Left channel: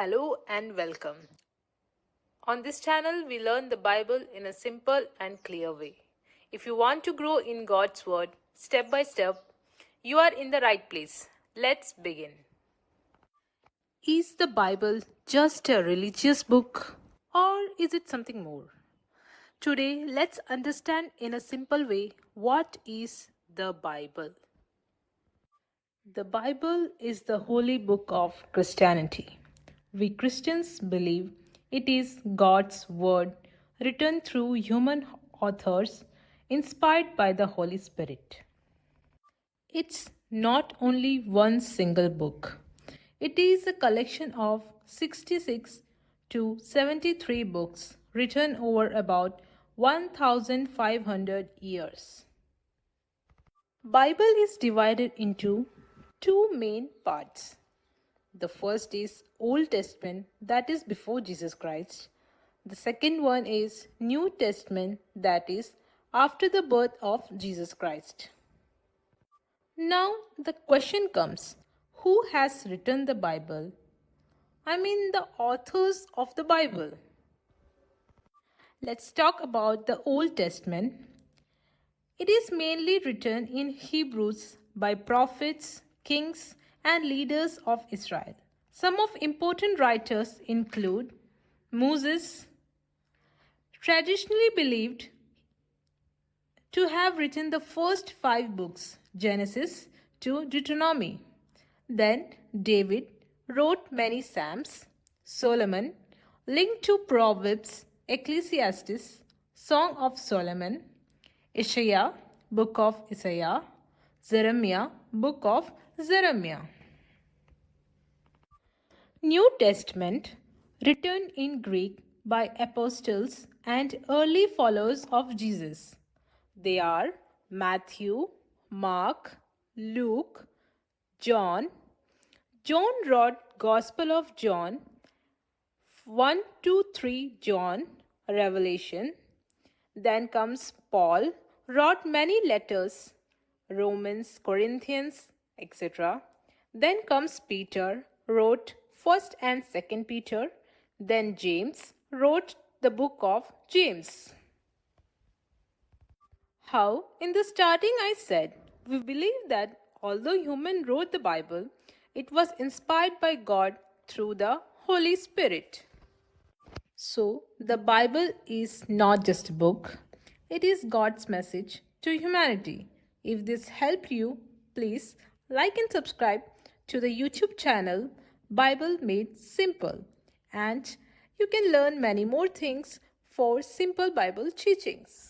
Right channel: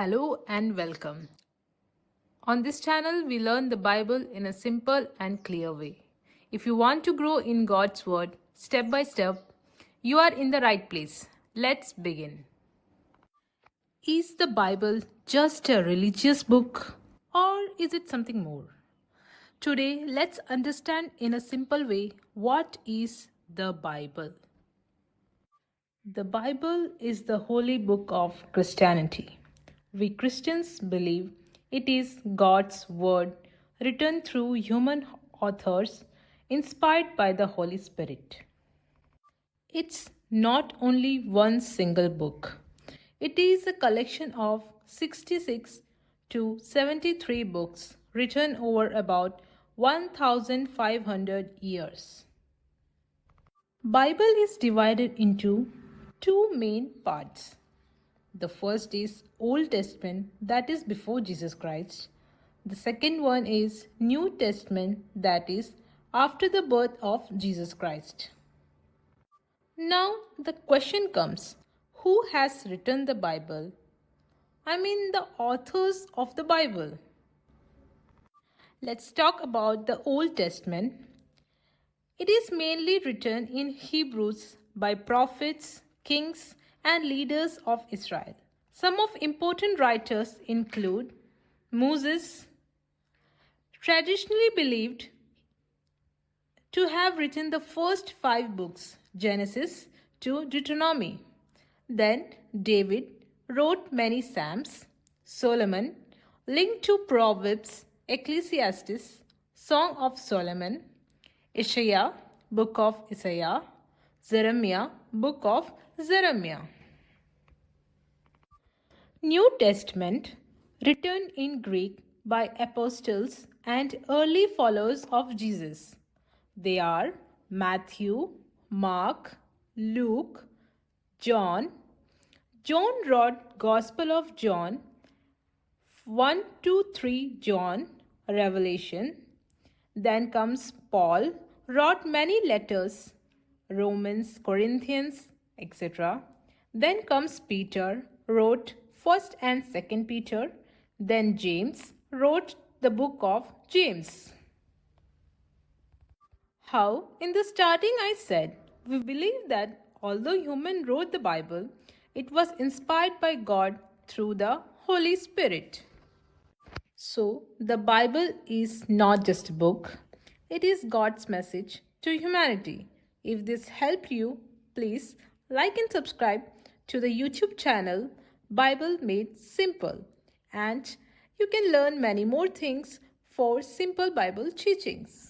Hello and welcome. On this channel, we learn the Bible in a simple and clear way. If you want to grow in God's Word step by step, you are in the right place. Let's begin. Is the Bible just a religious book or is it something more? Today, let's understand in a simple way what is the Bible. The Bible is the holy book of Christianity. We Christians believe it is God's word written through human authors inspired by the Holy Spirit. It's not only one single book. It is a collection of 66 to 73 books written over about 1500 years. Bible is divided into two main parts. The first is Old Testament, that is before Jesus Christ. The second one is New Testament, that is after the birth of Jesus Christ. Now the question comes, who has written the Bible? I mean the authors of the Bible. Let's talk about the Old Testament. It is mainly written in Hebrews by prophets, kings, and leaders of Israel. Some of important writers include Moses, traditionally believed to have written the first 5 books, Genesis to Deuteronomy. Then David wrote many Psalms, Solomon linked to Proverbs, Ecclesiastes, Song of Solomon, Isaiah, Book of Isaiah, Jeremiah, Book of Jeremiah. New Testament, written in Greek by apostles and early followers of Jesus. They are Matthew, Mark, Luke, John. John wrote Gospel of John, 1 to 3 John, Revelation. Then comes Paul, wrote many letters, Romans, Corinthians, etc. Then comes Peter, wrote 1st and 2nd Peter. Then James wrote the book of James. How? In the starting I said, we believe that although human wrote the Bible, it was inspired by God through the Holy Spirit. So, the Bible is not just a book, it is God's message to humanity. If this helped you, please like and subscribe to the YouTube channel Bible Made Simple, and you can learn many more things for simple Bible teachings.